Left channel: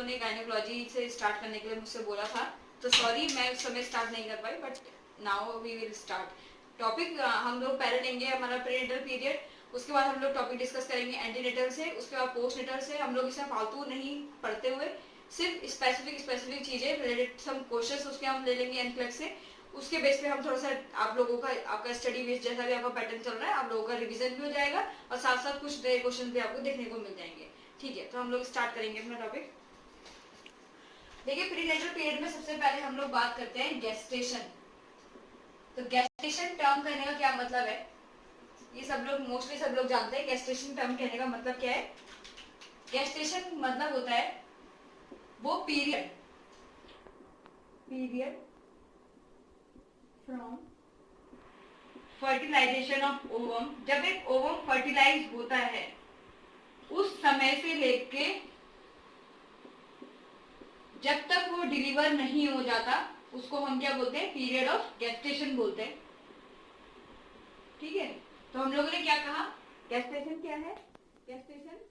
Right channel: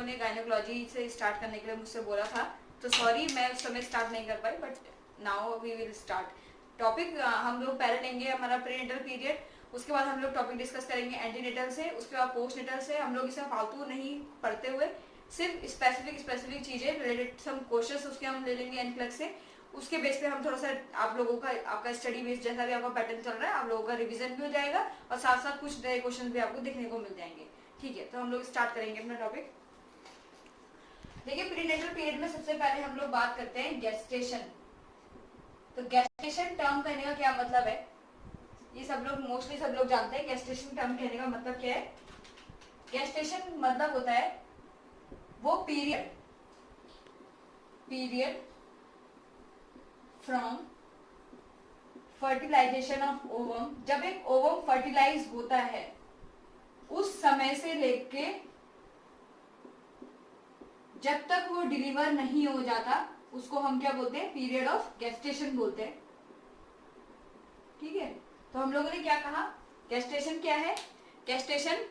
लोगों ने गायनेकोलॉजी से स्टार्ट करने के लिए मुझसे बोला था, तो सॉरी मैं उस समय स्टार्ट नहीं कर पाई, but now we will start topic. हम लोग पहले लेंगे हमारा प्रीनेटल पीरियड, उसके बाद हम लोग टॉपिक डिस्कस करेंगे एंटीनेटल से, उसके बाद पोस्टनेटल से। हम लोग इसे फालतू नहीं पढ़ते हुए सिर्फ स्पेसिफिक चीजें रिलेटेड सम क्वेश्चंस उसके हम ले लेंगे एनक्लेक्स से। उसके बेस पे हम थोड़ा सा आप लोगों का आपका स्टडी बेस जैसा भी आपका पैटर्न चल रहा है, आप लोगों का रिवीजन भी हो जाएगा और साथ साथ कुछ नए क्वेश्चन भी आपको देखने को मिल जाएंगे। ठीक है, तो हम लोग स्टार्ट करेंगे अपना टॉपिक। देखिए, प्रीनेटल पीरियड में सबसे पहले हम लोग बात करते हैं गेस्टेशन। तो गेस्टेशन टर्म कहने का क्या मतलब है, ये सब लोग मोस्टली सब लोग जानते हैं। गेस्टेशन टर्म कहने का मतलब क्या है? गेस्टेशन मतलब होता है वो period from fertilisation of ovum, जब एक ओवम फर्टिलाइज होता है उस समय से लेके जब तक वो डिलीवर नहीं हो जाता, उसको हम क्या बोलते हैं? पीरियड ऑफ गेस्टेशन बोलते हैं। ठीक है, तो हम लोगों ने क्या कहा? गेस्टेशन क्या है? गेस्टेशन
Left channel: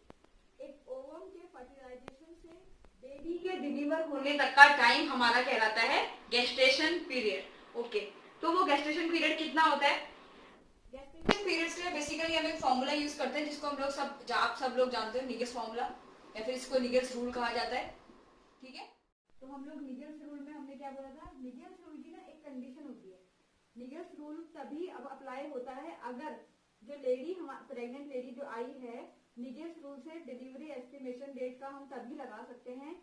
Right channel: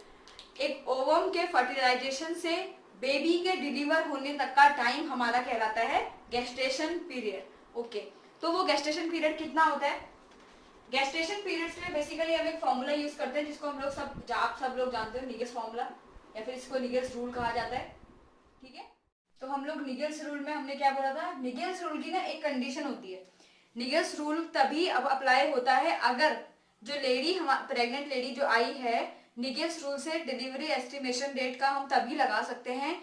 एक ओवम के फर्टिलाइजेशन से बेबी के डिलीवर होने तक का टाइम हमारा कहलाता है गेस्टेशन पीरियड। ओके, तो वो गेस्टेशन पीरियड कितना होता है? गेस्टेशन पीरियड के लिए बेसिकली हम एक फॉर्मूला यूज करते हैं जिसको हम लोग आप सब लोग जानते हो, निगल्स फॉर्मूला, या फिर इसको निगल्स रूल कहा जाता है। ठीक है, तो हम लोग निगल्स रूल में हमने क्या बोला था? निगल्स रूल की ना एक कंडीशन होती है। निगल्स रूल तभी अब अप्लाई होता है अगर जो लेडी प्रेग्नेंट लेडी जो आई है, निगल्स रूल से डिलीवरी एस्टिमेशन डेट का हम तभी लगा सकते हैं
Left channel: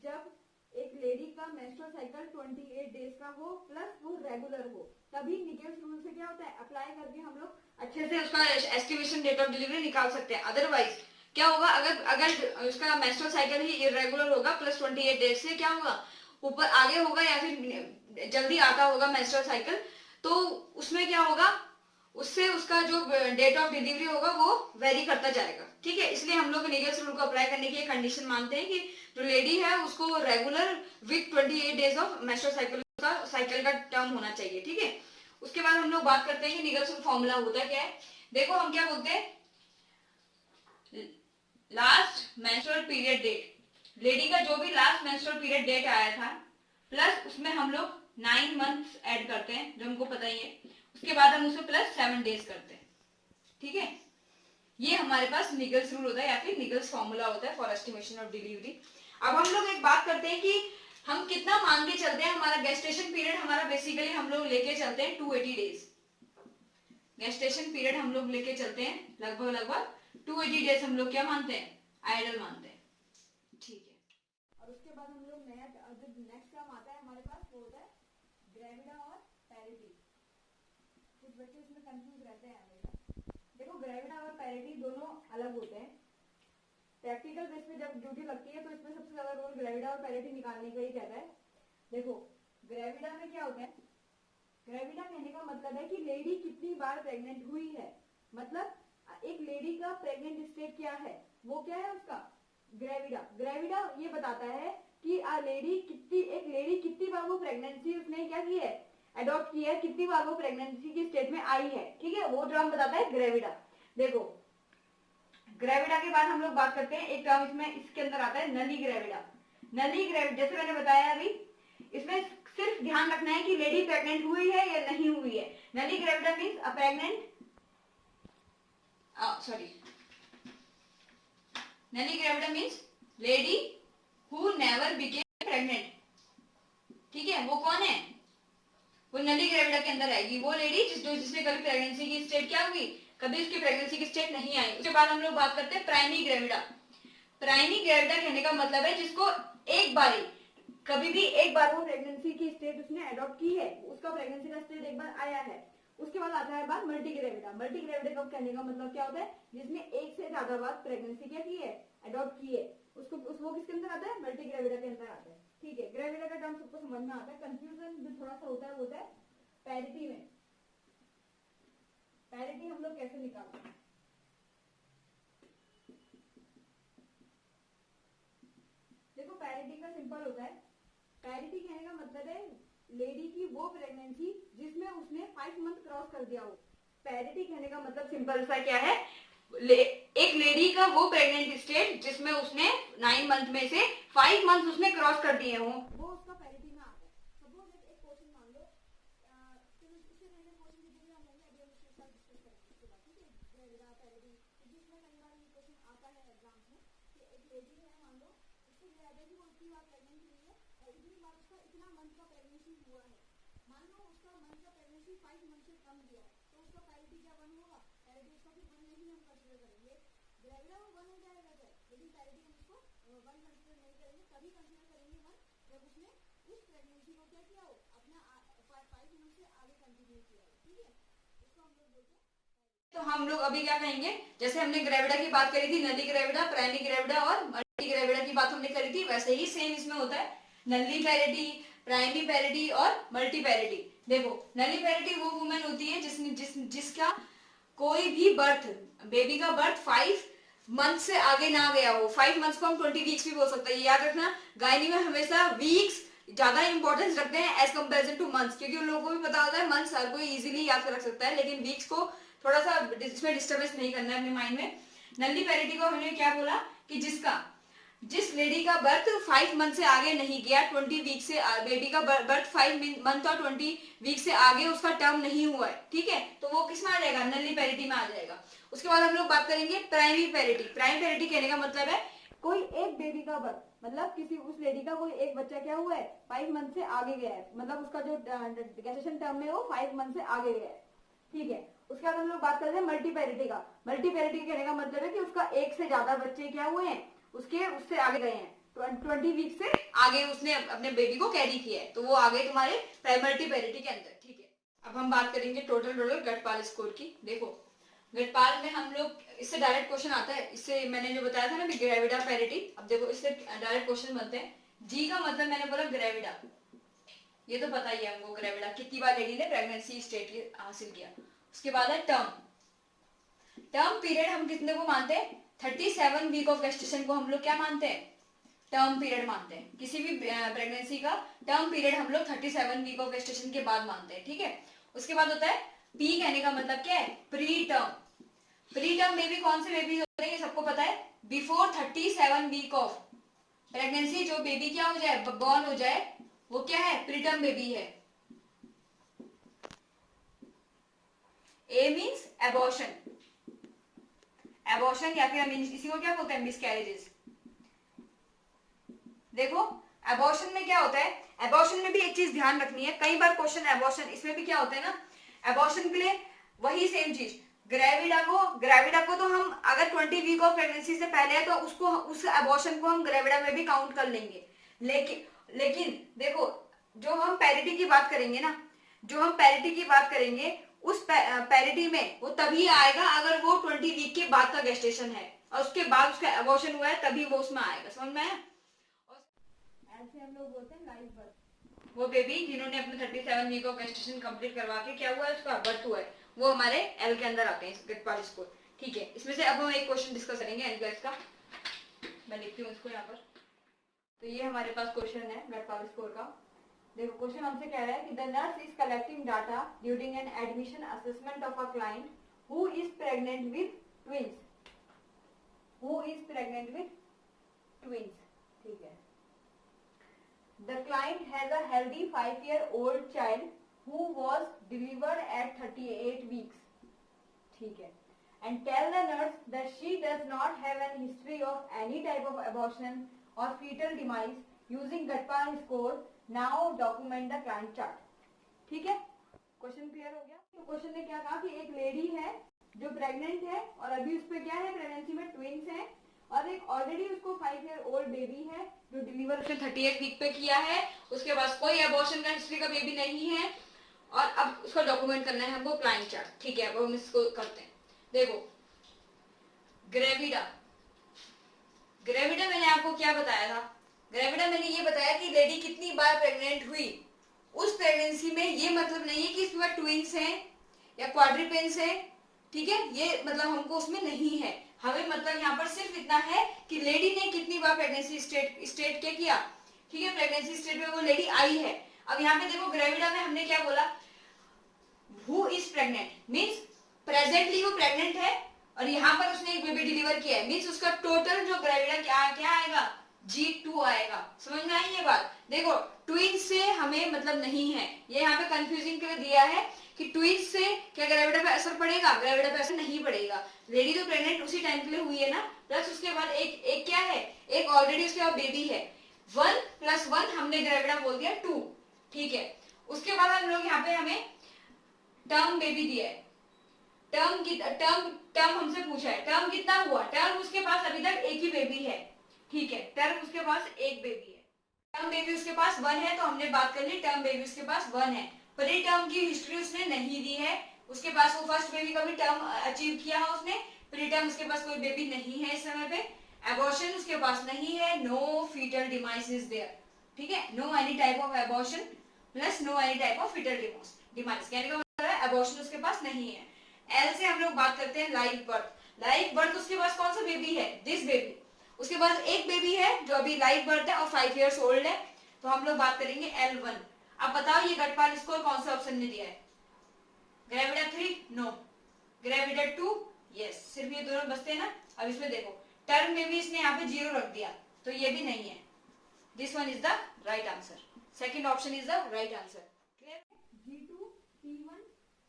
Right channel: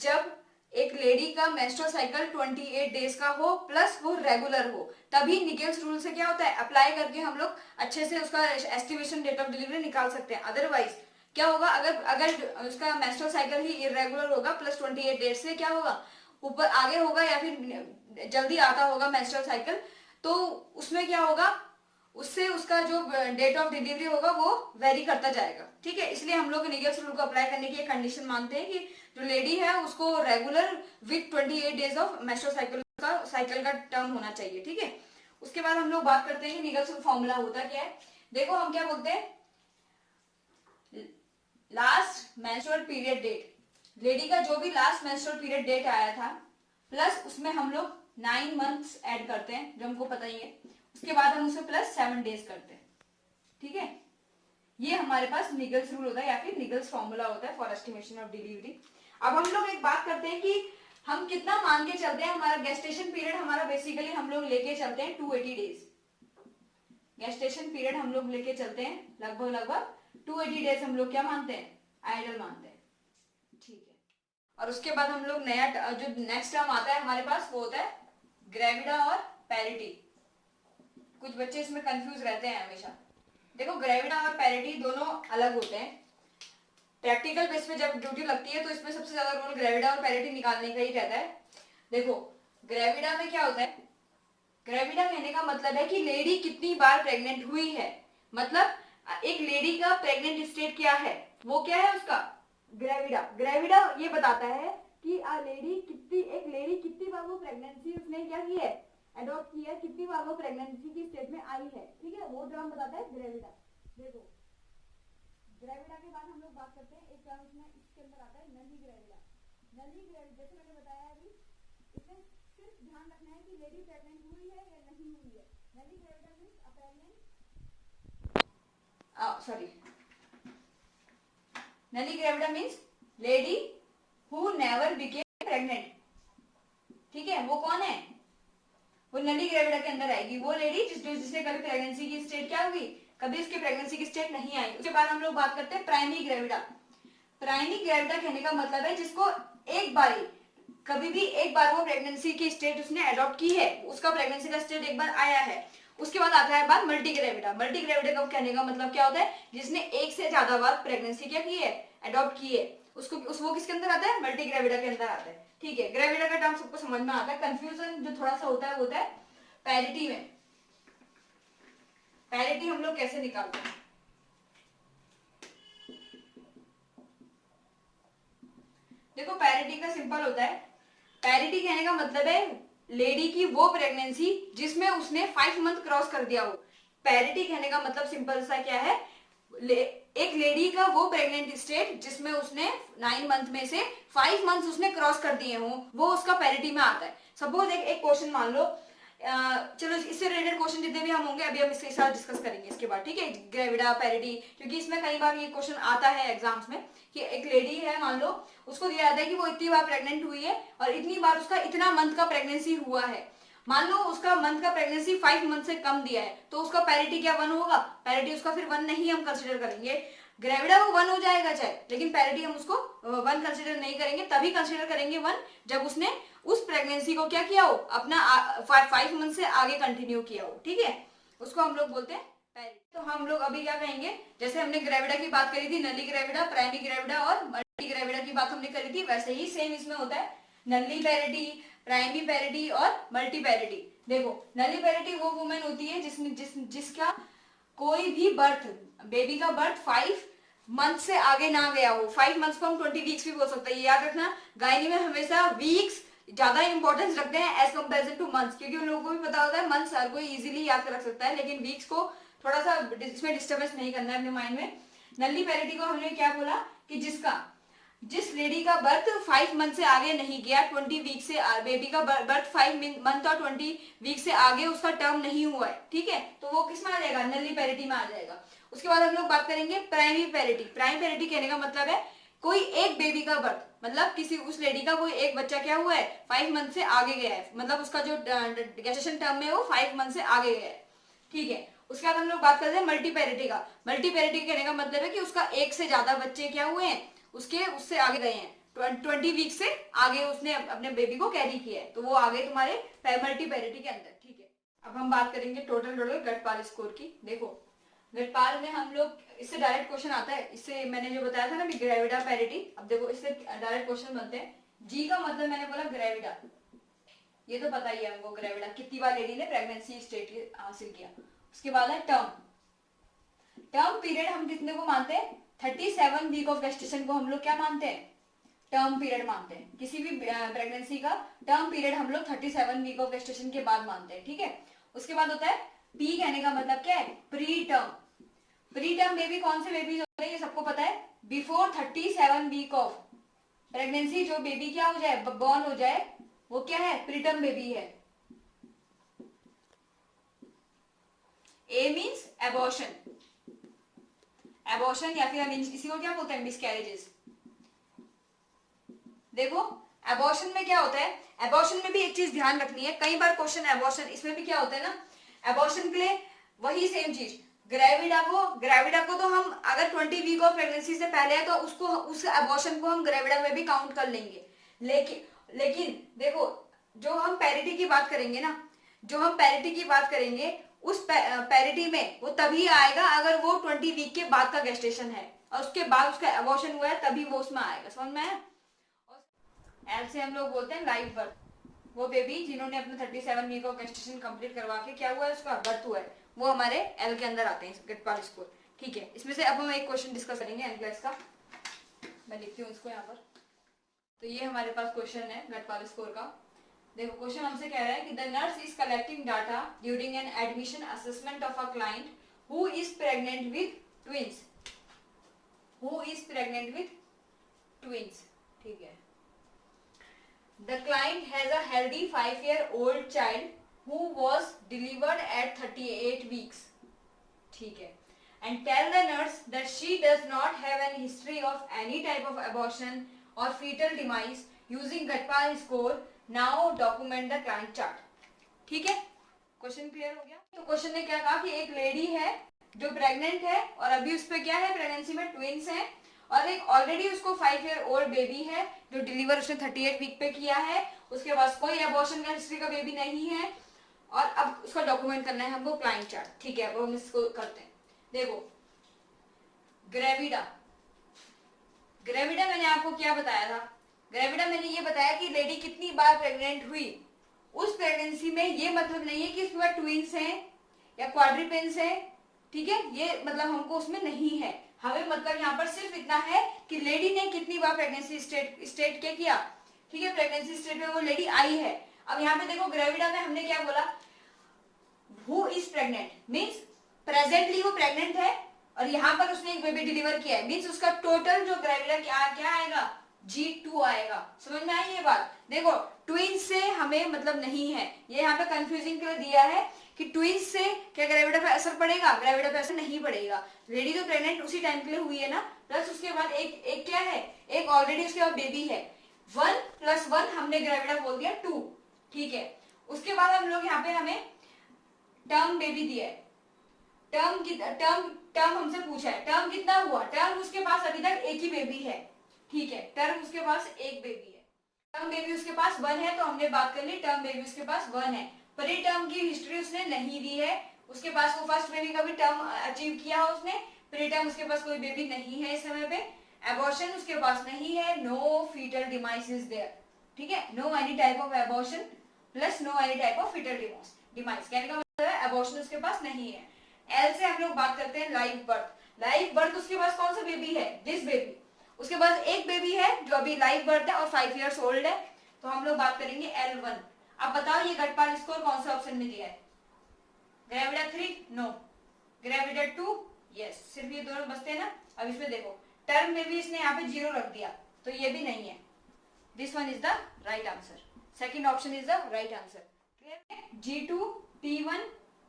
जब एक लेडी का मेंस्ट्रुअल साइकिल 28 डेज का हो प्लस वो रेगुलर हो, तभी निगल्स रूल से क्या होता है? अप्लाई करके हम लोग अच्छे से उसका एस्टिमेशन डेट ऑफ डिलीवरी निकाल सकते हैं। अदरवाइज क्या होगा? अगर अगर उसका मेंस्ट्रुअल साइकिल ही इरेगुलर होगा प्लस 28 डेज से, क्या होगा? ऊपर आगे होगा या फिर जल्दी आता होगा मेंस्ट्रुअल साइकिल, तो उसमें क्या होगा? उससे उसका जो डेट ऑफ डिलीवरी होगा वो वेरी करता जाएगा। ठीक है, इसलिए हम लोग निगल्स रूल को अप्लाई करने की एक कंडीशन मानते हैं कि जो लेडी है उसको regular with 28 days of menstrual cycle का टर्म होना चाहिए। ठीक है, उसके बाद हम लोग बात करते हैं कि निगल्स रूल फॉर्मूला होता क्या है। देखो, हम क्या बोलते हैं? Last menstrual period date, lady का जो भी लास्ट मेंस्ट्रुअल पीरियड डेट आया था प्लस उसमें हम लोग 9 मंथ्स ऐड करते हैं जो हमको पता ही है, उसके बाद हम उसमें प्लस 7 डेज करते हैं। ठीक है, ये हमारे पास निगल्स रूल होता है या फिर निगल्स फॉर्मूला होता है फॉर एस्टिमेशन ऑफ डिलीवरी। अब हम लोग एक बात करते हैं कि हम कितना मान के चलते हैं। हमारा गेस्टेशन पीरियड हमारा बेसिकली हम लोग लेके चलते हैं 280 डेज। गेस्टेशन पीरियड हम लोग लेके चलते हैं लगभग 280 डेज हम लोग क्या मानते हैं? आइडल मानते हैं। ठीक है, और उसके बाद हम लोग नया जो नेक्स्ट टर्म आता है हमारे पास वो होता है ग्रेविडा और पैरिटी। कुछ बच्चे इसमें कंफ्यूज रहते हैं हमेशा। देखो, ग्रेविडा और पैरिटी दोनों अलग होते हैं। प्रैक्टिकल बेस पे जब ड्यूटी लगती है तो इसमें सबसे ज्यादा रोल ग्रेविडा और पैरिटी निकालने का ही रहता है। देखो, ग्रेविडा में क्या होता है? ग्रेविडा कहने का मतलब है कि लेडी कितनी बार प्रेग्नेंट हुई है, मतलब एक लेडी का प्रेग्नेंट स्टेट क्या है, वो क्या है उसका? ग्रेविडा। ग्रेविडा ये बताता है कि एक लेडी कितनी बार वो प्रेगनेंसी उसने क्या की है? अडॉप्ट की है, कितनी बार वो प्रेगनेंसी की स्टेट में आई है। ठीक है, वो टर्म बताता है ग्रेविडा। देखो, ग्रेविडा के बाद हम लोग बात करते हैं एक टर्म इसमें इसके अंदर आता है नली ग्रेविडा। नली ग्रेविडा जैसे मैंने बताया अभी, इसमें सिर्फ ध्यान रखना है कि लेडी प्रेग्नेंट हुई है या नहीं हुई है। नली ग्रेविडा मींस अ प्रेग्नेंट नली gravida means lady who never became pregnant. ठीक है, वो कौन है? वो नली ग्रेविडा के अंदर आएगी। वो लेडी जिसने कभी प्रेगनेंसी की स्टेट क्या हुई? कभी उसकी प्रेगनेंसी की स्टेट नहीं आई। उसके बाद हम लोग बात करते हैं प्राइमरी ग्रेविडा। प्राइमरी ग्रेविडा कहने का मतलब है जिसको कभी भी एक बार वो प्रेगनेंसी की स्टेट उसने अडॉप्ट की है, उसका प्रेगनेंसी का स्टेट एक बार आया है। उसके बाद आता है बात मल्टी ग्रेविडा। मल्टी ग्रेविडा का कहने का मतलब क्या होता है? जिसने एक से ज्यादा बार प्रेगनेंसी क्या की है? अडॉप्ट की है। वो किसके अंदर आता है? मल्टी ग्रेविडा के अंदर आता है। ठीक है, ग्रेविडा का टर्म सबको समझ में आता है। कंफ्यूजन जो थोड़ा सा होता है वो होता है पैरिटी में। पैरिटी हम लोग कैसे निकालते हैं? देखो, पैरिटी का सिंपल होता है। पैरिटी कहने का मतलब है लेडी की वो प्रेगनेंसी जिसमें उसने 5 मंथ क्रॉस कर दिया हो। पैरिटी कहने का मतलब सिंपल सा क्या है? एक लेडी का वो प्रेग्नेंट स्टेट जिसमें उसने 9 मंथ में से 5 मंथ उसने क्रॉस कर दिए हों, वो उसका पैरिटी में आता है। सपोज एक क्वेश्चन मान लो, चलो इससे रिलेटेड क्वेश्चन जितने भी हम होंगे अभी हम इसके साथ डिस्कस करेंगे इसके बाद, ठीक है, ग्रेविडा पैरिटी, क्योंकि इसमें कई बार ये क्वेश्चन आता है एग्जाम्स में कि एक लेडी है, मान लो उसको दिया जाता है कि वो इतनी बार प्रेग्नेंट हुई है और इतनी बार उसका इतना मंथ का प्रेगनेंसी हुआ है। मान लो उसका मंथ का प्रेगनेंसी 5 मंथ से कम दिया है, तो उसका पैरिटी क्या 1 होगा? पैरिटी उसका फिर 1 नहीं हम कंसिडर करेंगे। ग्रेविडा वो 1 हो जाएगा चाहे, लेकिन पैरिटी हम उसको 1 कंसिडर नहीं करेंगे, तभी कंसिडर करेंगे 1 जब उसने उस प्रेगनेंसी को क्या किया हो, अपना 5 मंथ से आगे कंटिन्यू किया हो, ठीक है, उसको हम लोग बोलते हैं पैरिटी। तो हम लोग अभी क्या कहेंगे, जैसे हमने ग्रेविडा की बात करी थी, नली ग्रेविडा, प्राइमरी ग्रेविडा और मल्टी ग्रेविडा की बात हमने करी थी, वैसे ही सेम इसमें होता है, नली पैरिटी, प्राइमरी पैरिटी और मल्टी पैरिटी। देखो नली पैरिटी वो वुमेन होती है जिसका कोई भी बर्थ, बेबी का बर्थ 5 मंथ से आगे ना गया हो। 5 मंथ्स को हम 20 वीक्स भी बोल सकते हैं, याद रखना, गायनी में हमेशा वीक्स ज्यादा इंपॉर्टेंस रखते हैं एज कंपेरिजन टू मंथ्स, क्योंकि उन लोगों को भी पता होता है मंथ्स हर कोई इजीली याद कर रख सकता है, लेकिन वीक्स को थोड़ा सा इसमें डिस्टर्बेंस नहीं करना है अपने माइंड में। नली पैरिटी को हमने क्या बोला कि जिस लेडी का बर्थ 5 मंथ से आगे नहीं गया, 20 वीक से, बेबी का बर्थ 5 मंथ और 20 वीक से आगे उसका टर्म नहीं हुआ है, ठीक है, तो वो किस में आ जाएगा? नली पैरिटी में आ जाएगा। उसके बाद हम लोग बात करेंगे प्राइमरी पैरिटी। प्राइमरी पैरिटी कहने का मतलब है कोई एक बेबी का बर्थ, मतलब किसी उस लेडी का कोई एक बच्चा क्या हुआ है 5 मंथ से आगे गया है, मतलब उसका जो गेस्टेशन टर्म है वो 5 मंथ से आगे गया है, ठीक है। उसके बाद हम लोग बात करते हैं मल्टी पैरिटी का। मल्टी पैरिटी कहने का मतलब है कि उसका एक से ज्यादा बच्चे क्या हुए हैं, उससे आगे गए हैं, 20 वीक से आगे उसने अपने बेबी को कैरी किया है, तो वो आ गए तुम्हारे मल्टी पैरिटी के अंदर, ठीक है। अब हम बात करेंगे टोटल गटपाल स्कोर की। देखो गटपाल में हम लोग, इससे डायरेक्ट क्वेश्चन आता है, इससे मैंने जो बताया था ना ग्रेविडा पैरिटी, अब देखो इससे डायरेक्ट क्वेश्चन बनते हैं। जी का मतलब मैंने बोला ग्रेविडा, ये तो पता ही है हमको, ग्रेविडा कितनी बार लेडी ने प्रेगनेंसी स्टेट हासिल किया। उसके बाद है टर्म पीरियड, हम कितने को मानते हैं? 37 वीक ऑफ गेस्टेशन को हम लोग क्या मानते हैं? टर्म पीरियड मानते हैं। किसी भी प्रेगनेंसी का टर्म पीरियड हम लोग 37 वीक ऑफ गेस्टेशन के बाद मानते हैं, ठीक है। उसके बाद होता है पी, कहने का मतलब क्या है? Pre term. Pre term baby कौन से बेबी होते हैं ये सबको पता है, बिफोर 37 वीक ऑफ प्रेगनेंसी जो बेबी क्या हो जाए, बॉर्न हो जाए, वो क्या है? प्री टर्म बेबी है। ए मीन्स एबॉर्शन, एबॉर्शन या फिर हम इसी को क्या बोलते हैं? मिसकैरेजेस। देखो एबॉर्शन में क्या होता है, एबॉर्शन में भी एक चीज ध्यान रखनी है, कई बार क्वेश्चन एबॉर्शन, इसमें भी क्या होता है ना, एबॉर्शन के लिए वही सेम चीज, ग्रेविडा को तो हम अगर 20 वीक ऑफ प्रेगनेंसी से पहले है तो उसको, उस एबॉर्शन को हम ग्रेविडा में भी काउंट कर लेंगे। लेकिन देखो जो हम पैरिटी की बात करेंगे ना, जो हम पैरिटी की बात करेंगे उस पैरिटी में वो तभी आएगा अगर वो 20 वीक के बाद का गेस्टेशन है और उसके बाद उसका एबॉर्शन हुआ है, तभी वो उसमें आएगा, समझ में आया। एल से हम लोग बोलते हैं लाइव बर्थ, वो बेबी जिन्होंने अपने 37 वीक ऑफ गेस्टेशन कंप्लीट करवा के क्या हुआ है, उसका बर्थ हुआ है, वो हमारे एल के अंदर आते हैं गटपाल स्कोर, ठीक है। इसमें से अब हम एक क्वेश्चन डिस्कस करेंगे एनक्लेस का, मैं लिखती हूँ इसको यहाँ पर। तो ये हमारे पास क्वेश्चन है गटपाल स्कोर का। देखो क्वेश्चन हमसे कह रहा है कि the nurse is collecting data during an admission assessment of a client who is pregnant with twins, ठीक है। The client has a healthy 5-year-old child who was delivered at 38 weeks. ठीक है. And tell the nurse that she does not have an history of any type of abortion or fetal demise using Gutpal score. Now document the client chart. ठीक है? Question clear हो गया? तो question ने क्या कहा कि एक लेडी है जो प्रेग्नेंट है और अभी उस पर क्या है, प्रेगनेंसी में ट्विंस हैं, और एक ऑलरेडी उसको 5-year-old बेबी है जो डिलीवर उसने 38 वीक पे किया है, उसके पास कोई एबॉर्शन का हिस्ट्री का बेबी नहीं है, और अब उसका डॉक्यूमेंट करना है हमको क्लाइंट चार्ट, ठीक है। वो हम इसको करते हैं। देखो ग्रेविडा मैंने आपको क्या बताया था, ग्रेविडा मैंने ये बताया कि लेडी कितनी बार प्रेग्नेंट हुई, उस प्रेगनेंसी में ये मतलब नहीं है कि इसमें ट्विंस हैं या क्वाड्रिपेंस हैं, ठीक है, ये मतलब हमको उसमें नहीं है, हमें मतलब यहाँ पर सिर्फ इतना है कि लेडी ने कितनी बार प्रेगनेंसी स्टेट क्या किया, ठीक है, प्रेगनेंसी स्टेट में वो लेडी आई है। अब यहाँ पे देखो ग्रेविडा में हमने क्या बोला, who is pregnant means presently वो प्रेग्नेंट है, और यहाँ पर उसने एक बेबी डिलीवर किया है, मीन्स उसका टोटल जो ग्रेविडा क्या क्या आएगा, G2 आएगा। समझ में आई ये बात? देखो ट्विंस से हमें मतलब नहीं है, ये यहाँ पे कंफ्यूजिंग के लिए दिया है कि ट्विंस से क्या ग्रेविडा पे असर पड़ेगा, ग्रेविडा पे असर नहीं पड़ेगा। लेडी तो प्रेग्नेंट उसी टाइम के लिए हुई है ना, प्लस उसके बाद एक एक क्या है, एक ऑलरेडी उसके बाद बेबी है, 1 + 1 हमने ग्रेविडा बोल दिया 2, ठीक है। उसके बाद हम लोग यहाँ पे हमें टर्म बेबी दिया है, टर्म हमसे पूछा है, टर्म कितना हुआ, टर्म उसके पास अभी तक एक ही बेबी है, ठीक है, टर्म उसके पास एक बेबी है, टर्म बेबी उसके पास 1 है, तो हमने बात कर ली टर्म बेबी उसके पास 1 है। प्री टर्म की हिस्ट्री उसने नहीं दी है, उसके पास वो फर्स्ट बेबी का भी टर्म अचीव किया उसने, प्री टर्म उसके पास कोई बेबी नहीं है इस समय पे, एबॉर्शन उसके पास नहीं है, no foetal demise is there, ठीक है, no any type of abortion plus no any type of foetal demise, कहने का मतलब है एबॉर्शन उसके पास नहीं है। एल से हम लोग बात करते हैं लाइव बर्थ, लाइव बर्थ उसके पास कौन सा बेबी है, दिस बेबी, उसके पास एक बेबी है जो अभी लाइव बर्थ है और 5 इयर्स ओल्ड है, तो हम लोग बात करेंगे L1। अब बताओ ये गटपाल स्कोर कौन सा ऑप्शन में दिया है, ग्रेविडा 3 नो, ग्रेविडा 2 यस, सिर्फ ये दोनों बचते हैं ना। अब इसमें देखो टर्म में भी इसने यहाँ पे 0 रख दिया, तो ये भी नहीं है, this one is the right answer, second option is the right answer. G2 T1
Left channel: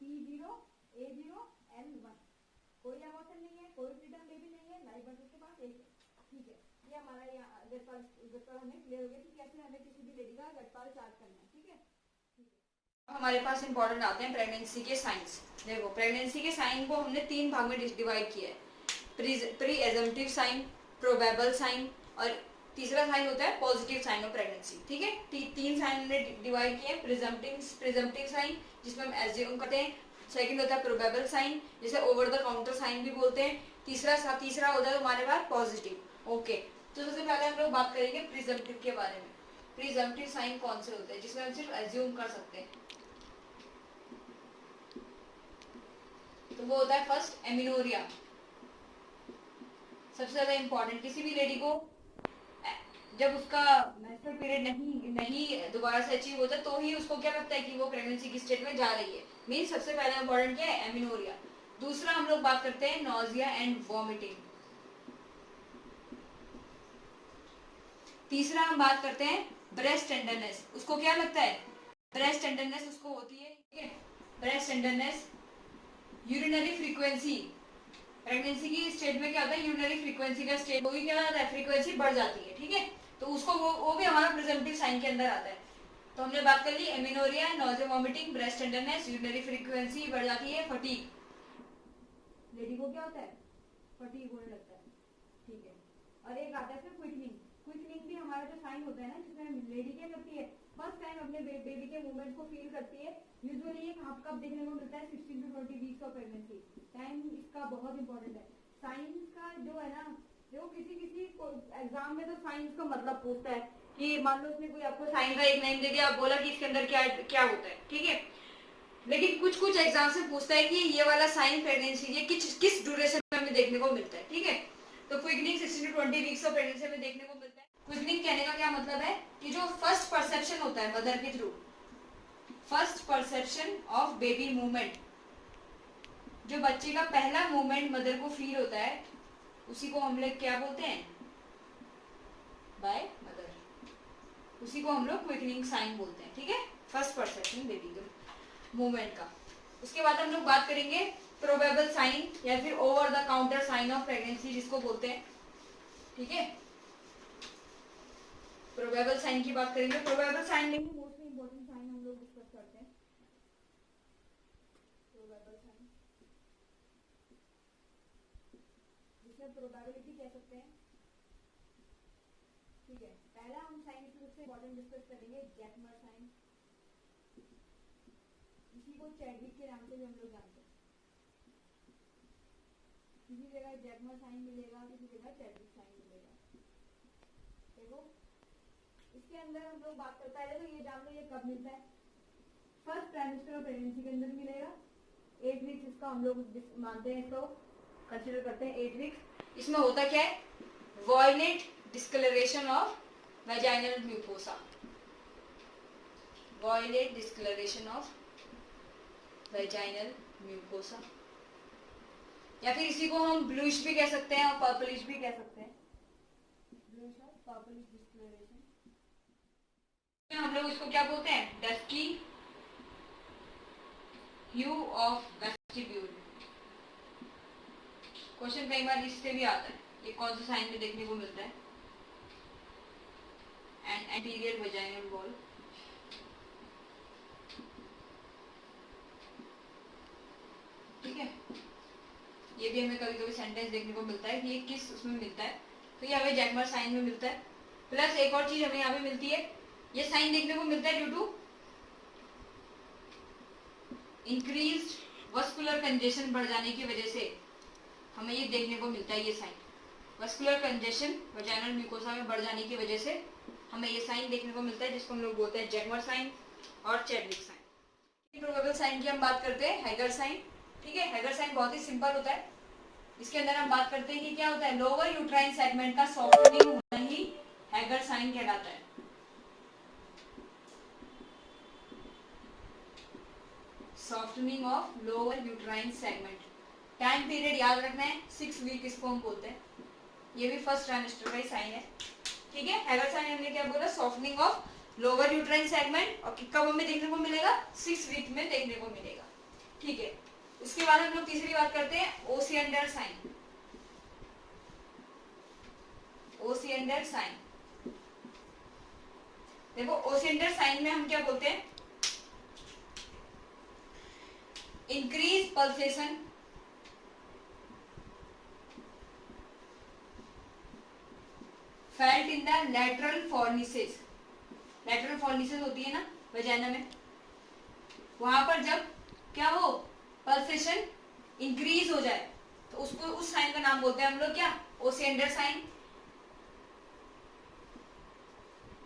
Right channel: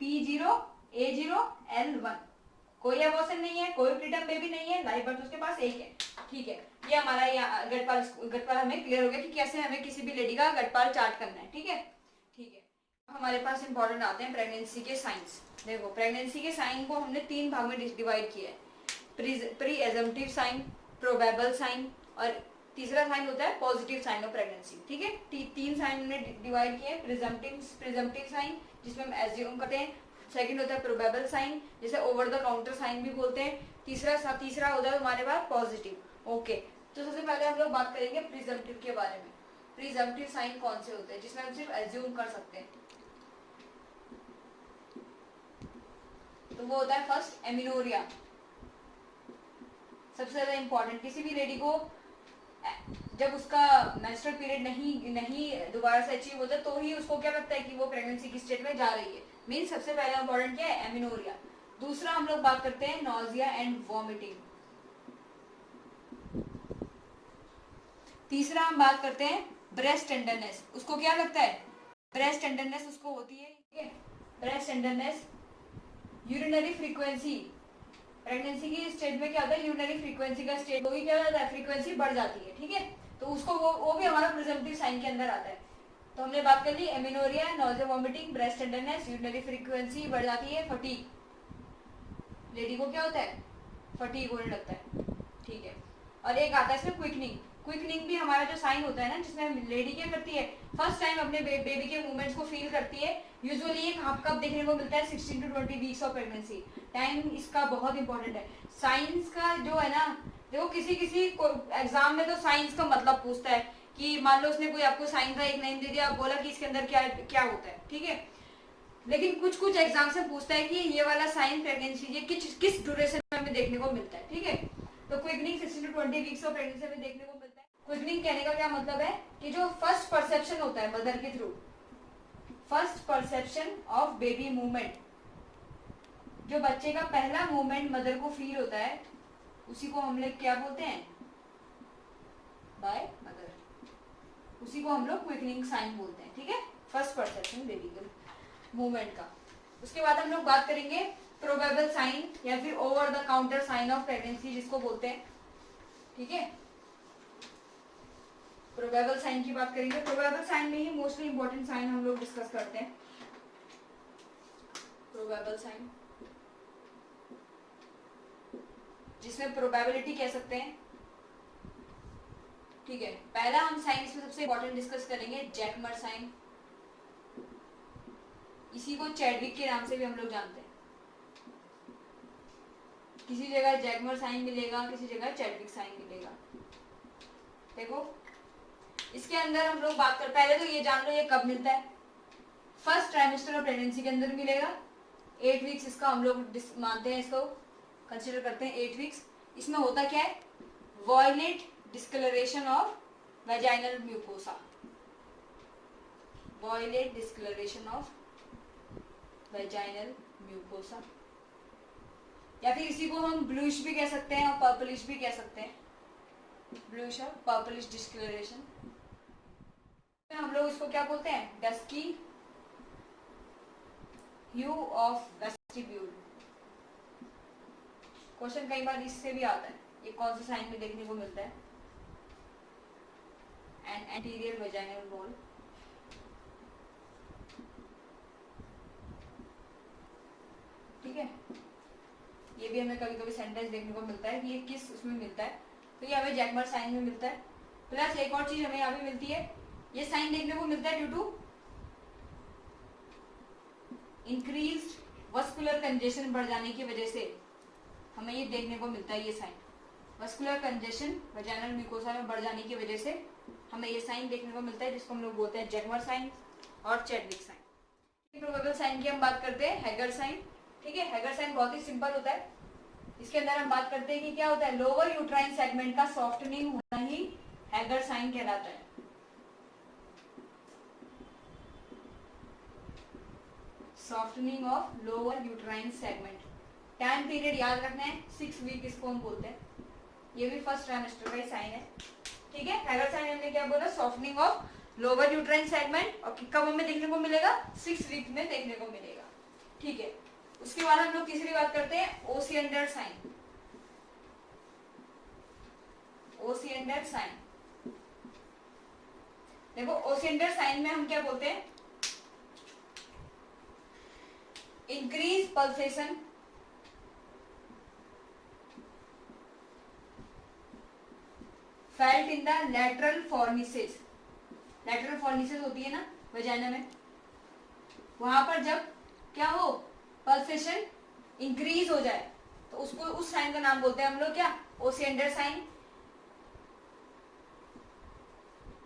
P0 A0 L1, कोई एबॉर्शन नहीं है, कोई प्रीटर्म बेबी नहीं है, लाइव बर्थ उसके पास एक है, ठीक है। ये हमारा गटपाल हमें क्लियर हो गया कि कैसे हमें किसी भी लेडी का गटपाल चार्ट करना है, ठीक है, ठीक है। अब हमारे पास इंपॉर्टेंट आते हैं प्रेगनेंसी के साइंस। देखो प्रेगनेंसी के साइन को हमने 3 भाग में डिवाइड किया है, प्री एजम्पटिव साइन, प्रोबेबल साइन और तीसरा साइन होता है पॉजिटिव साइन ऑफ प्रेगनेंसी, ठीक है। 3 साइन हमने डिवाइड किए, प्रिजम्पटिव साइन जिसमें हम एज्यूम करते हैं, सेकंड होता है प्रोबेबल साइन जिसे ओवर द काउंटर साइन भी बोलते हैं, तीसरा होता है हमारे पास पॉजिटिव। ओके, तो सबसे पहले हम लोग बात करेंगे प्रिजम्पटिव के बारे में। प्रिजम्पटिव साइन कौन से होते हैं जिसमें हम सिर्फ एज्यूम कर सकते हैं, तो वो होता है फर्स्ट एमिनोरिया, सबसे ज्यादा इंपॉर्टेंट। किसी भी लेडी को जब उसका मेंस्ट्रुअल पीरियड नहीं दोबारा से अचीव होता तो ही उसको क्या लगता है कि वो प्रेगनेंसी की स्टेट में जा रही है, मीन सबसे पहला इंपॉर्टेंट क्या है, एमिनोरिया। दूसरा हम लोग बात करते हैं नॉजिया एंड वॉमिटिंग। तीसरा हम बात करते हैं ब्रेस्ट टेंडरनेस, उसको क्या लगता है, ब्रेस्ट टेंडरनेस उसको होती है, ठीक है, breast tenderness. Urinary frequency, pregnancy की स्टेज में क्या होता है, यूरिनरी फ्रीक्वेंसी का स्टेज होगी, क्या होता है, फ्रीक्वेंसी बढ़ जाती है, ठीक है, तो उसको वो भी हमारा प्रिजम्पटिव साइन के अंदर आता है। तो हमने बात कर ली amenorrhoea, nausea vomiting, breast tenderness, urinary frequency बढ़ जाती है, फटीग, लेडी को क्या होता है, फटीग होने लगता है, ठीक है। और एक आता है इसमें क्विकनिंग, क्विकनिंग भी हमारा जो साइन होता है ना, जिसमें लेडी क्या करती है, फर्स्ट टाइम अपने बेबी के मूवमेंट्स को फील करती है। यूजुअली ये कब देखने को मिलता है, 16 to 20 weeks of pregnancy, time इसका बहुत इंपॉर्टेंट है। साइंस का जो है ना, देखो किसी एग्जाम में तो साइंस का मतलब पूछता है कि मान लो उसने कोई आपको साइन का एक लाइन दे दिया, आप बोला कि इसके अंदर क्या क्या होता है, ठीक है, लेकिन कुछ एग्जाम से पूछता है कि ये वाला साइन प्रेगनेंसी ये किस ड्यूरेशन में हमें देखने को मिलता है, ठीक है। तो quickening 16 to 20 weeks of pregnancy में देखने को मिलता है। क्विकनिंग कहने का क्या मतलब है कि जो फर्स्ट परसेप्शन होता है मदर के through, first perception of baby movement, जो बच्चे का पहला मूवमेंट मदर को फील होता है, उसी को हम लोग क्या बोलते हैं, बाय मदर, उसी को हम लोग क्विकनिंग साइन बोलते हैं, ठीक है, फर्स्ट परसेप्शन बेबी का मूवमेंट का। उसके बाद हम लोग बात करेंगे प्रोबेबल साइन या फिर over the counter sign of pregnancy जिसको बोलते हैं, ठीक है। प्रोबेबल साइन की बात करेंगे, प्रोबेबल साइन में ही मोस्टली इंपॉर्टेंट साइन हम लोग डिस्कस करते हैं। प्रोबेबल साइन जिसमें प्रोबेबिलिटी कह सकते हैं, ठीक है। पहला हम साइन इसमें सबसे इंपॉर्टेंट डिस्कस करेंगे जैकमर साइन, इसी को चैडविक के नाम से भी हम लोग जानते हैं, किसी जगह जैकमर साइन मिलेगा, किसी जगह चैडविक साइन मिलेगा। देखो इसके अंदर हम लोग बात कर, पहले तो ये जान लो ये कब मिलता है, फर्स्ट ट्राइमेस्टर ऑफ प्रेगनेंसी के अंदर मिलेगा, 8 वीक्स इसका हम लोग मानते हैं, इसको कंसिडर करते हैं 8 वीक्स। इसमें होता क्या है, violet discolouration of vaginal mucosa, violet discolouration of vaginal mucosa. या फिर इसी को हम ब्लूइश भी कह सकते हैं और पर्पलिश भी कह सकते हैं, ब्लूइश और पर्पलिश डिस्कलरेशन। हम लोग इसको क्या बोलते हैं, dusky hue of vestibule. Question कई बार इससे भी आता है, ये कौन सा साइन में देखने को मिलता है, एंड एंटीरियर वजाइनल वॉल। ठीक है, ये भी हमें कभी कभी सेंटेंस देखने को मिलता है कि ये किस उसमें मिलता है, तो ये हमें जैकमर साइन में मिलता है। प्लस एक और चीज हमें यहाँ पे मिलती है, ये साइन देखने को मिलता है due to increase vascular congestion बढ़ जाने की वजह से हमें ये देखने को मिलता है। ये sign vascular congestion vaginal mucosa में बढ़ जाने की वजह से हमें ये साइन देखने को मिलता है, जिसको हम लोग बोलते हैं जैकमर साइन और चैडविक साइन। प्रोबेबल साइन की हम बात करते हैं हैगर साइन। ठीक है, हैगर साइन बहुत ही सिंपल होता है। इसके अंदर हम बात करते हैं कि क्या होता है, लोअर यूट्राइन सेगमेंट का सॉफ्टनिंग होना ही हैगर साइन कहलाता है। Softening of lower uterine segment. Time period याद रखना है, 6 वीक इसको हम बोलते हैं। ये भी फर्स्ट ट्राइमेस्टर का ही साइन है। ठीक है, हैगर साइन हमने क्या बोला, softening of lower uterine segment, और कब हमें देखने को मिलेगा, 6 वीक में देखने को मिलेगा। ठीक है, उसके बाद हम लोग तीसरी बात करते हैं ओसिएंडर साइन। ओसिएंडर साइन, देखो ओसिएंडर साइन में हम क्या बोलते हैं, increase pulsation felt in the lateral फॉर्निसेस। Lateral फॉर्निसेस होती है ना वजाइना में, वहां पर जब क्या हो, पल्सेशन इंक्रीज हो जाए, तो उसको, उस साइन का नाम बोलते हैं हम लोग क्या, ओसिएंडर साइन।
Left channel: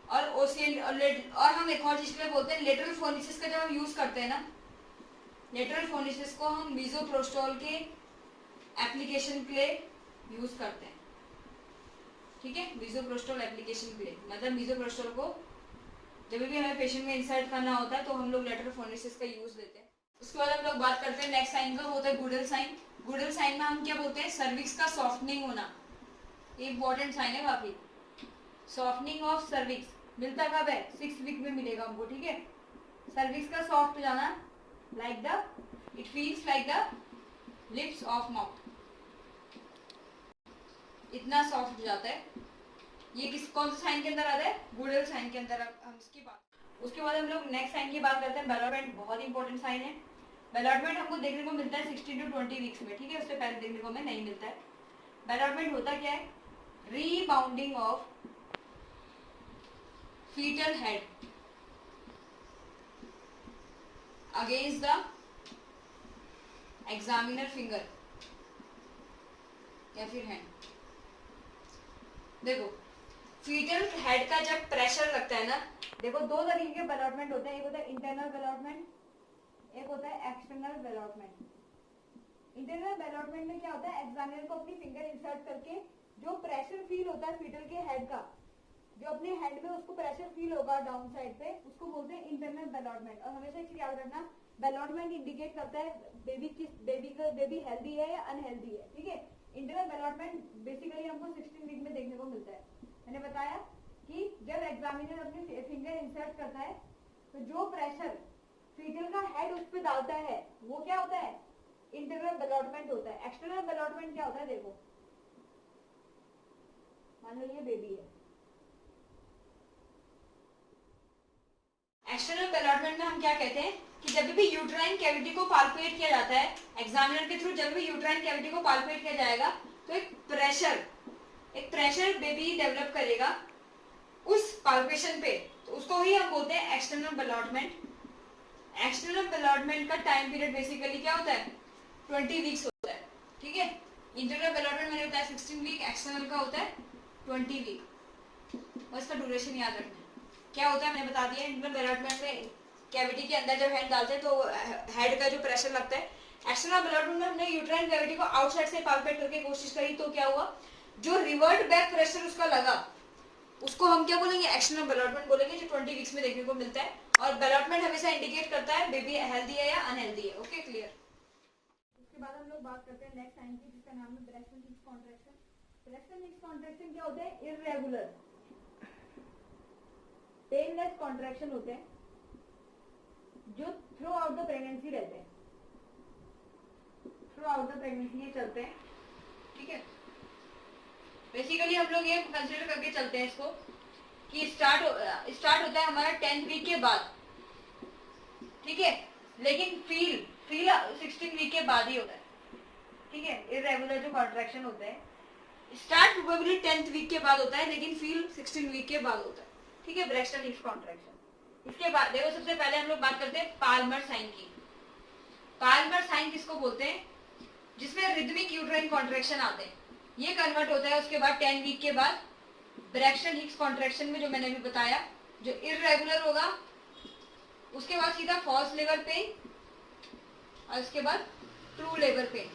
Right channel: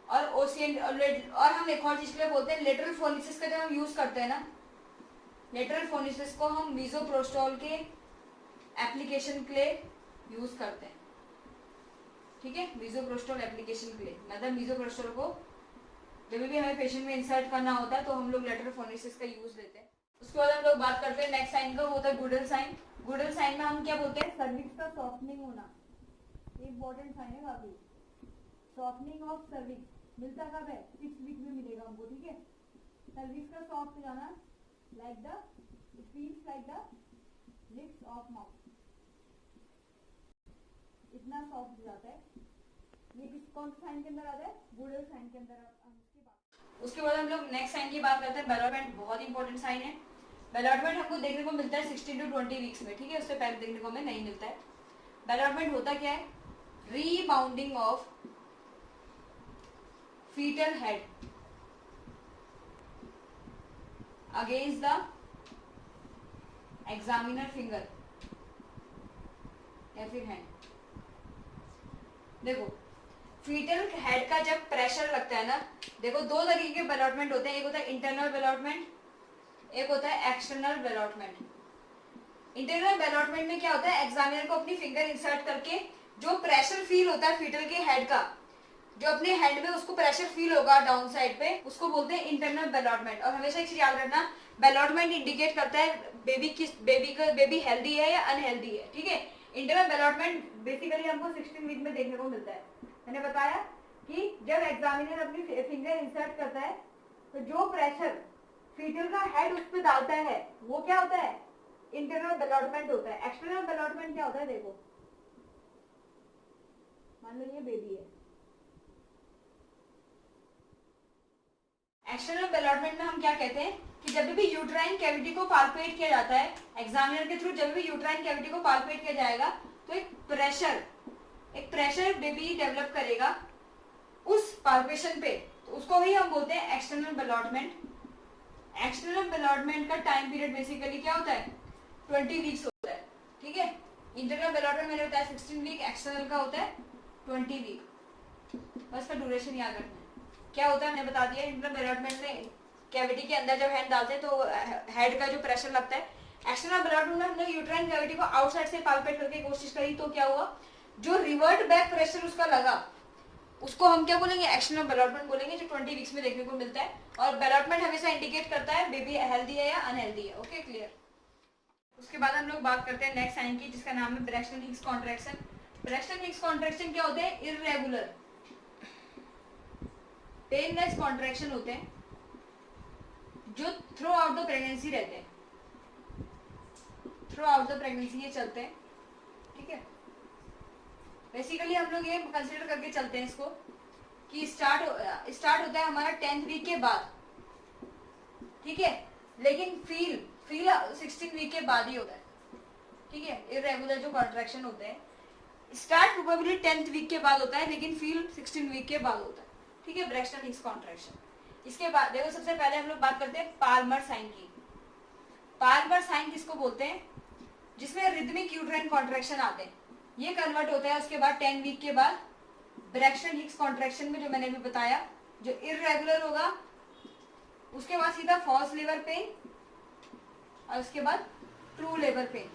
और हम एक और चीज के लिए बोलते हैं लेटरल फोनिसिस का, जब हम यूज करते हैं ना, लेटरल फोनिसिस को हम मीजोप्रोस्टोल के एप्लीकेशन के लिए यूज करते हैं। ठीक है, मीजोप्रोस्टोल एप्लीकेशन के लिए, मतलब मीजोप्रोस्टोल को जब भी हमें पेशेंट में इंसर्ट करना होता है तो हम लोग लेटरल फोनिसिस का यूज लेते हैं। उसके बाद हम लोग बात करते हैं नेक्स्ट साइन का, होता है गुडल साइन। गुडल साइन में हम क्या बोलते हैं, सर्विक्स का सॉफ्टनिंग होना। ये इंपॉर्टेंट साइन है काफी। सॉफ्टनिंग ऑफ सर्विक्स मिलता कब है, 6 वीक में मिलेगा हमको। ठीक है, सर्विक्स का सॉफ्ट हो जाना, like the, it feels like the lips of mouth, इतना सॉफ्ट हो जाता है। ये किस, कौन सा साइन के अंदर आता है, गुडल साइन के अंदर। हम इसकी बात, उसके बाद हम लोग नेक्स्ट साइन की बात करते हैं बेलॉटमेंट। बहुत इंपॉर्टेंट साइन है। बेलॉटमेंट हमको देखने को मिलता है 16 to 20 वीक्स में। ठीक है, उससे पहले देखने को हमें नहीं मिलता है। बेलॉटमेंट होता क्या है, रीबाउंडिंग of fetal head against the examiner finger या फिर हैंड। देखो फीटल हेड का जब प्रेशर लगता है ना, देखो दो तरीके के बेलॉटमेंट होते हैं, एक होता है इंटरनल बेलॉटमेंट, एक होता है एक्सटर्नल बेलॉटमेंट। इंटरनल बेलॉटमेंट में क्या होता है, एग्जामिनर को अपनी फिंगर इंसर्ट करके जो प्रेशर फील होता है फीटल के हेड का, जो अपने हेड में उसको प्रेशर फील होगा डाउन साइड पे, उसको बोलते हैं इंटरनल बेलॉटमेंट। और हमेशा एक चीज याद रखना, बेलॉटमेंट इंडिकेट करता है बेबी हेल्दी है या अनहेल्दी है। ठीक है, इंटरनल बेलॉटमेंट बेसिकली हमको 16 वीक में देखने को मिलता है। मैंने बताया कि जब एग्जामिनर अपनी फिंगर इंसर्ट करता है तो जो प्रेशर फीटल का हेड उस पर डालता है वो क्या होता है, इंटरनल बेलॉटमेंट होता है। एक्सटर्नल बेलॉटमेंट क्या होता है, देखो मान लो ये बेबी है, एक्सटर्नल बेलॉटमेंट में हम क्या कहते हैं कि जब भी यूट्राइन कैविटी को पाल्पेट किया जाता है एग्जामिनर के थ्रू, जब भी यूट्राइन कैविटी को पाल्पेट किया जाएगा तो एक प्रेशर बेबी डेवलप करेगा उस पाल्पेशन पे, तो उसको ही हम बोलते हैं एक्सटर्नल बेलॉटमेंट। एक्सटर्नल बेलॉटमेंट का टाइम पीरियड बेसिकली क्या होता है, 20 वीक्स होता है। ठीक है, इंटरनल बेलॉटमेंट मैंने बताया 16 वीक, एक्सटर्नल का होता है 20 वीक। बस का ड्यूरेशन याद रखना है। क्या होता है मैंने बता दिया, इंटरनल बेलॉटमेंट में कैविटी के अंदर जब हैंड डालते हैं तो हेड का जो प्रेशर लगता है। एक्सटर्नल बेलॉटमेंट में हमने यूट्राइन कैविटी को आउटसाइड से पाल्पेट करके कोशिश करी, तो क्या हुआ, जो रिवर्ट बैक प्रेशर उसका लगा उसको हम क्या बोलेंगे, एक्सटर्नल बेलॉटमेंट बोलेंगे, जो 20 वीक्स में देखने को मिलता है। और बेलॉटमेंट हमेशा इंडिकेट करता है बेबी हेल्दी है या अनहेल्दी है। Okay, clear. उसके बाद हम लोग बात करते हैं नेक्स्ट साइन की, जिसका नाम है Braxton Hicks contraction. Braxton Hicks contraction क्या होते हैं? इररेगुलर पेनलेस कॉन्ट्रैक्शन होते हैं जो थ्रू आउट द प्रेगनेंसी रहते हैं, थ्रू आउट द प्रेगनेंसी ये चलते हैं, ठीक है। बेसिकली हम लोग ये कंसीडर करके चलते हैं इसको कि स्टार्ट होता है हमारा 10th वीक के बाद, ठीक है, लेकिन फील 16 वीक के बाद ही होता है, ठीक है। इररेगुलर जो कॉन्ट्रैक्शन होते हैं स्टार्ट प्रोबेबली 10th वीक के बाद होता है, लेकिन फील 16 वीक के बाद होता है, ठीक है, ब्रैक्सटन हिक्स कॉन्ट्रैक्शन। इसके बाद देखो सबसे पहले हम लोग बात करते हैं पाल्मर साइन की। पाल्मर साइन किसको बोलते हैं? जिसमें रिदमिक यूट्राइन कॉन्ट्रैक्शन आते हैं, ये कन्वर्ट होता है उसके बाद 10 वीक के बाद ब्रैक्सटन हिक्स कॉन्ट्रैक्शन में, जो मैंने अभी बताया, जो इररेगुलर होगा, उसके बाद सीधा फॉल्स लेबर पेन और उसके बाद ट्रू लेबर पेन।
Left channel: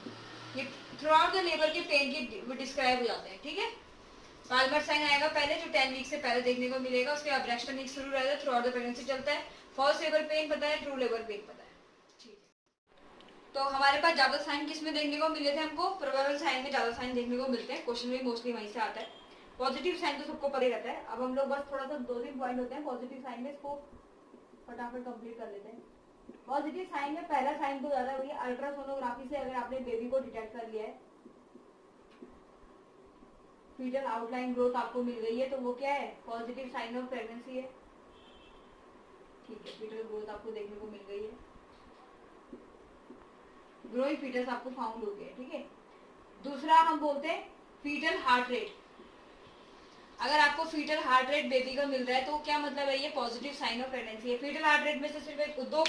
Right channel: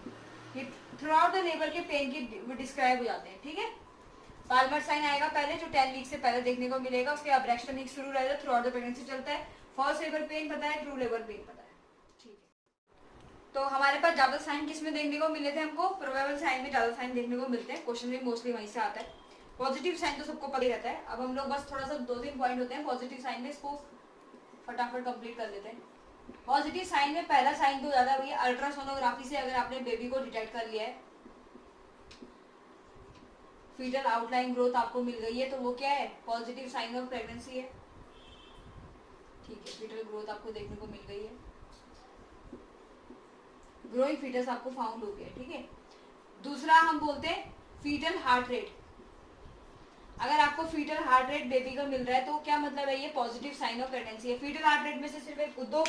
ये थ्रू आउट द लेबर के पेन की डिस्क्राइब हो जाते हैं, ठीक है। पाल्मर साइन आएगा पहले, जो 10 वीक से पहले देखने को मिलेगा, उसके बाद ब्रैक्सटन हिक्स शुरू रहता है, थ्रू आउट द प्रेगनेंसी चलता है, फॉल्स लेबर पेन पता है, ट्रू लेबर पेन पता है, ठीक है। तो हमारे पास ज्यादा साइन किस में देखने को मिले थे? हमको प्रोबेबल साइन में ज्यादा साइन देखने को मिलते हैं, क्वेश्चन भी मोस्टली वहीं से आता है। पॉजिटिव साइन तो सबको पता ही रहता है। अब हम लोग बस थोड़ा सा 2-3 पॉइंट होते हैं पॉजिटिव साइन में, इसको फटाफट कंप्लीट कर लेते हैं। पॉजिटिव साइन में पहला साइन तो ज्यादा भैया अल्ट्रासोनोग्राफी से अगर आपने बेबी को डिटेक्ट कर लिया है, फीटल आउटलाइन ग्रोथ आपको मिल गई है, तो वो क्या है? पॉजिटिव साइन ऑफ प्रेगनेंसी है, ठीक है। फीटल ग्रोथ आपको देखने को मिल गई है, ग्रोइंग फीटस आपको फाउंड हो गया, ठीक है। दूसरा हम बोलते हैं फीटल हार्ट रेट। अगर आपको फीटल हार्ट रेट बेबी का मिल रहा है तो क्या मतलब है? ये पॉजिटिव साइन ऑफ प्रेगनेंसी है। फीटल हार्ट रेट में से सिर्फ दो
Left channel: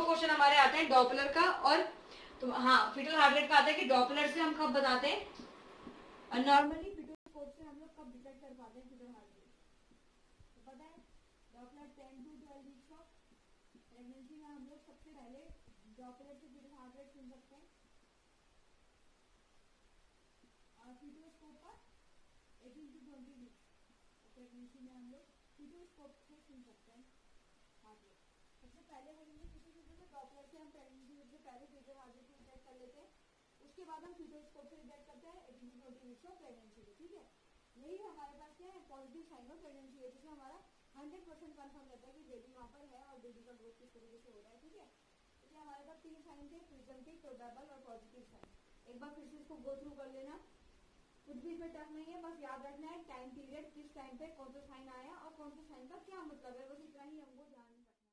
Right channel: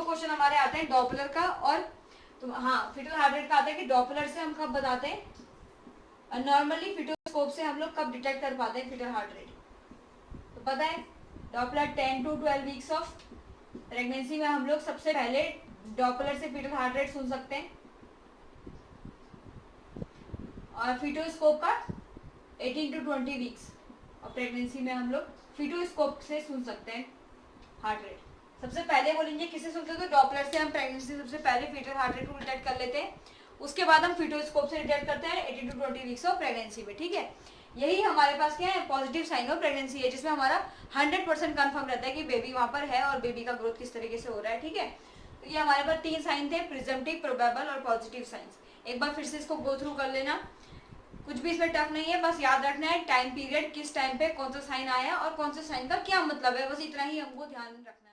क्वेश्चन हमारे आते हैं, डॉपलर का और हाँ, फीटल हार्ट रेट का आता है कि डॉपलर से हम कब बताते हैं, और नॉर्मली फीटोस्कोप से हम लोग कब डिटेक्ट कर पाते हैं फीटल हार्ट रेट। तो पता है Doppler 10 to 12 weeks of pregnancy में हम लोग सबसे पहले डॉपलर से फीटल हार्ट रेट सुन सकते हैं, और फीटोस्कोप का 18 to 20 वीक्स और प्रेगनेंसी में हम लोग फीटोस्कोप से सुन सकते हैं हार्ट रेट। सबसे पहले बोलेंगे किससे सुनते हैं? तो डॉपलर से हम प्रेगनेंसी सबसे पहले फीटल हार्ट रेट को डिटेक्ट कर लेते हैं, उसके बाद हम फीटोस्कोप से डिटेक्ट करते हैं 18 to 20 वीक्स ऑफ प्रेगनेंसी में, ठीक है। यही हमारे पास क्या है? पॉजिटिव साइन ऑफ प्रेगनेंसी है, जिसमें हमारा 100% कंफर्म रहता है कि बेबी वहां पर है और बेबी का ग्रोथ किस तरीके से हो रहा है, ठीक है। तो ये हमारे पास 3 साइन थे, प्रिजम्पटिव, प्रोबेबल और पॉजिटिव साइंस। एक बार फिर से इसको गो थ्रू कर लेना, कुछ भी इसमें टफ नहीं है, बस याद रखना है टाइम पीरियड, किस टाइम पे कौन सा साइन आया और कौन सा साइन का क्या मतलब है, बस इतना ही हमको ध्यान रखना है।